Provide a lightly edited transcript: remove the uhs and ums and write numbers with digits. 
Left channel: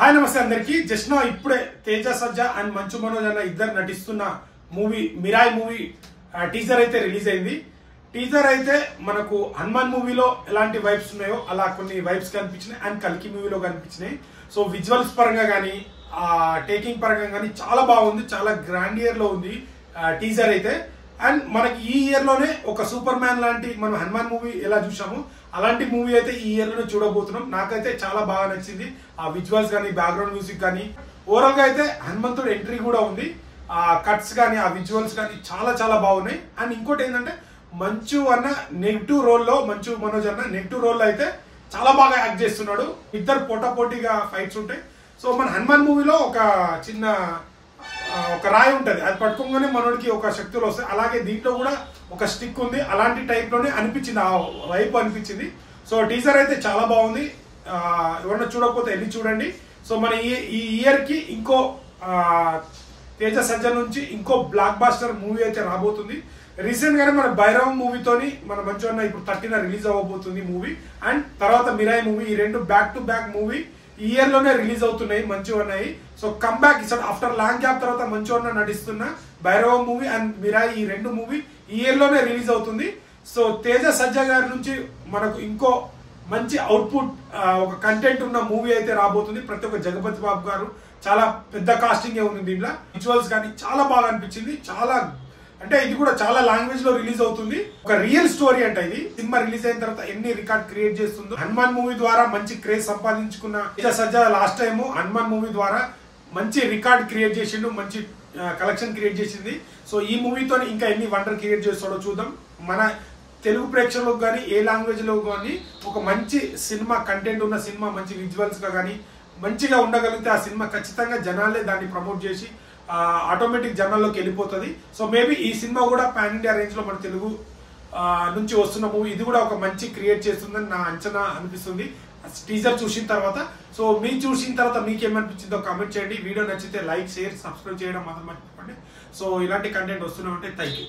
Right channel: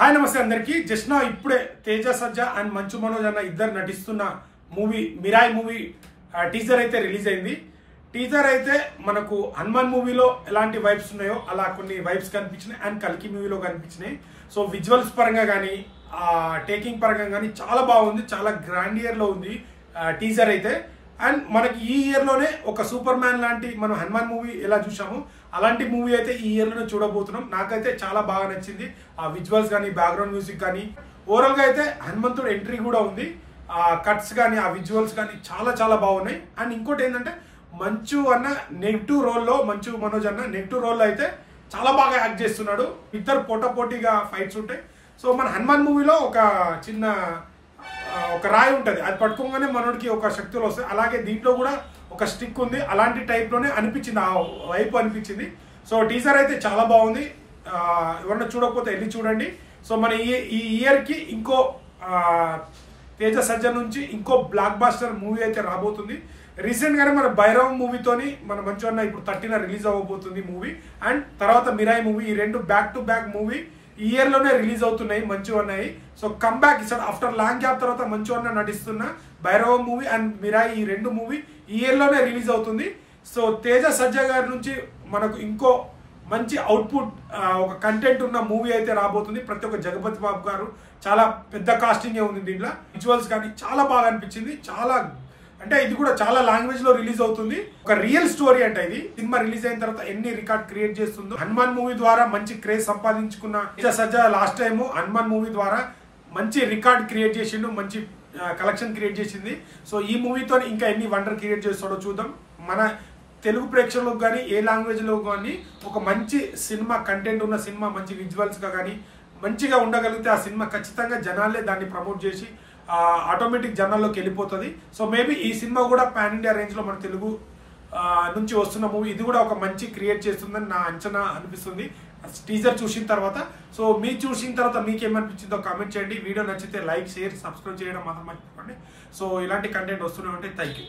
Hi నమస్తే అందరికి. Just నా ఇప్పుడే తేజ సజ్జా అండ్ మంచు మనోజ్ అన్న ఇద్దరు నటిస్తున్న మూవీ మిరాయి మూవీ టీజర్ అయితే రిలీజ్ అయింది. టీజర్ అయితే మనకు హనుమాన్ మూవీలో ఎలాంటి వైబ్స్ ఉన్నాయో అలా కొన్ని వైబ్స్ కనిపించినాయి అండ్ కల్కి మూవీలో కనిపించినాయి. సో విజువల్స్ పరంగా కానీ టేకింగ్ పరంగా కానీ చాలా బాగుంది, చాలా గ్రాండియర్ లో ఉంది టీజర్ అయితే. అండ్ మనకి ఈ ఇయర్ లోనే ఒక సూపర్ మ్యాన్ లాంటి మనం హనుమాన్ మూవీ ఎలా చూసాము అలాంటి మూవీ అయితే ఈ ఇయర్ లోనే చూడబోతున్నాం. నాకైతే చాలా బాగా నచ్చింది ఆ విజువల్స్ కానీ బ్యాక్గ్రౌండ్ మ్యూజిక్ కానీ. ఓవరాల్ గా అయితే హనుమంతుడు ఎంట్రీ కూడా ఉంది, ఆ కట్స్ కానీ ఆ విజువల్స్ కానీ చాలా చాలా బాగున్నాయి. అండ్ ఇంకోటి ఏంటంటే మంచు అన్న నెగిటివ్ రోల్లో, మంచు మనోజ్ అన్న నెగిటివ్ రోల్లో అయితే చాలా బాగా యాక్ట్ చేస్తున్నాడు. ఇద్దరు పోటాపోటీగా ఫైట్స్ ఉంటాయి. సో మన హనుమాన్ మూవీలో ఒక చిన్న ఒక రాయి ఉంటది, అది పట్టుకోగానే మనోడికి ఒక శక్తులు వస్తాయి. అలాగే దీంట్లో కూడా ఒక స్టిక్ ఉంది, అలాంటి టైప్ లోనే అనిపించింది, ఆ వైపు అనిపించింది. సో టీజర్ అయితే చాలా బాగుంది, ఎవరన్నా చూడకపోతే వెళ్ళి చూడండి. సో మన ఈ ఇయర్ కి ఇంకో తేజ సజ్జా నుంచి ఇంకో బ్లాక్ బాస్టర్ మూవీ అయితే రాబోతుంది. రీసెంట్ గానే మన భైరవం మూవీతోని మన మంచు అన్న ఇప్పుడు 30న రిలీజ్ అవ్వబోతుంది మూవీ. అండ్ తర్వాత మిరాయి మూవీ, ఈ రెండు బ్యాక్ టు బ్యాక్ మూవీ ఈ ఇయర్ లోనే రిలీజ్ అవుతున్నాయి మంచు అన్నవి. సో కమ్ బ్యాక్ ఇస్తాడు ఆఫ్టర్ లాంగ్ గ్యాప్ తర్వాత మంచు అన్న నటిస్తున్న భైరవం మూవీ అండ్ మిరాయి ఈ రెండు మూవీ ఈ ఇయర్ లోనే రిలీజ్ అవుతుంది. సో తేజ సజ్జా గారి నుంచి మనకు ఇంకో మంచి అవుట్పుట్ ఒక కంటెంట్ ఉన్న మూవీ అయితే రాబోతుంది. ప్రతి ఒక్క జగపతి బాబు గారు చాలా పెద్ద కాస్టింగ్ ఉంది దీంట్లో. విజువల్స్ కానీ చాలా బాగా అనిపించింది. చాలా అంటే ఇది కూడా చాలా లాంగ్వేజ్ లో రిలీజ్ అవుతుంది. ఒక రియల్ స్టోరీ అంటే ఇది. సినిమా రిలీజ్ అయిన తర్వాత ఎన్ని రికార్డ్ క్రియేట్ చేస్తుందో. హనుమాన్ మూవీ ద్వారా మంచి క్రేజ్ సంపాదించుకున్న తేజ సజ్జా లాస్ట్ టైం హనుమాన్ మూవీ ద్వారా మంచి రికార్డ్ క్రియేట్ చేసిండు, మంచి కలెక్షన్ క్రియేట్ చేసింది. సో ఈ మూవీతో ఇంకా ఎన్ని వండర్ క్రియేట్ చేస్తాడో చూద్దాం. మన తెలుగు ప్రేక్షకులకు కానీ ఏ లాంగ్వేజ్ లో కానీ ఒక మంచి సినిమా కంటెంట్ ఉన్న సినిమా, మంచి విజువల్స్ గా కానీ మంచిగా ఉండగలిగితే ఆ సినిమా ఖచ్చితంగా జనాలే దాన్ని ప్రమోట్ చేసి ఆటోమేటిక్ జనాల్లోకి వెళ్ళిపోతుంది. సో మేబీ ఈ సినిమా కూడా పాన్ ఇండియా రేంజ్ లో మన తెలుగు నుంచి వస్తున్న మూవీ ఇది కూడా ఒక మంచి క్రియేట్ చేస్తుందని నా అంచనా అనిపిస్తుంది టీజర్ చూసిన తర్వాత. సో మీరు చూసిన తర్వాత మీకేమనిపించిందో కామెంట్ చేయండి. వీడియో నచ్చితే లైక్, షేర్, సబ్స్క్రైబ్ చేయడం మాత్రం మర్చిపోండి. సో ఇలాంటి కంటెంట్ వస్తూనే ఉంటాయి. Thank you.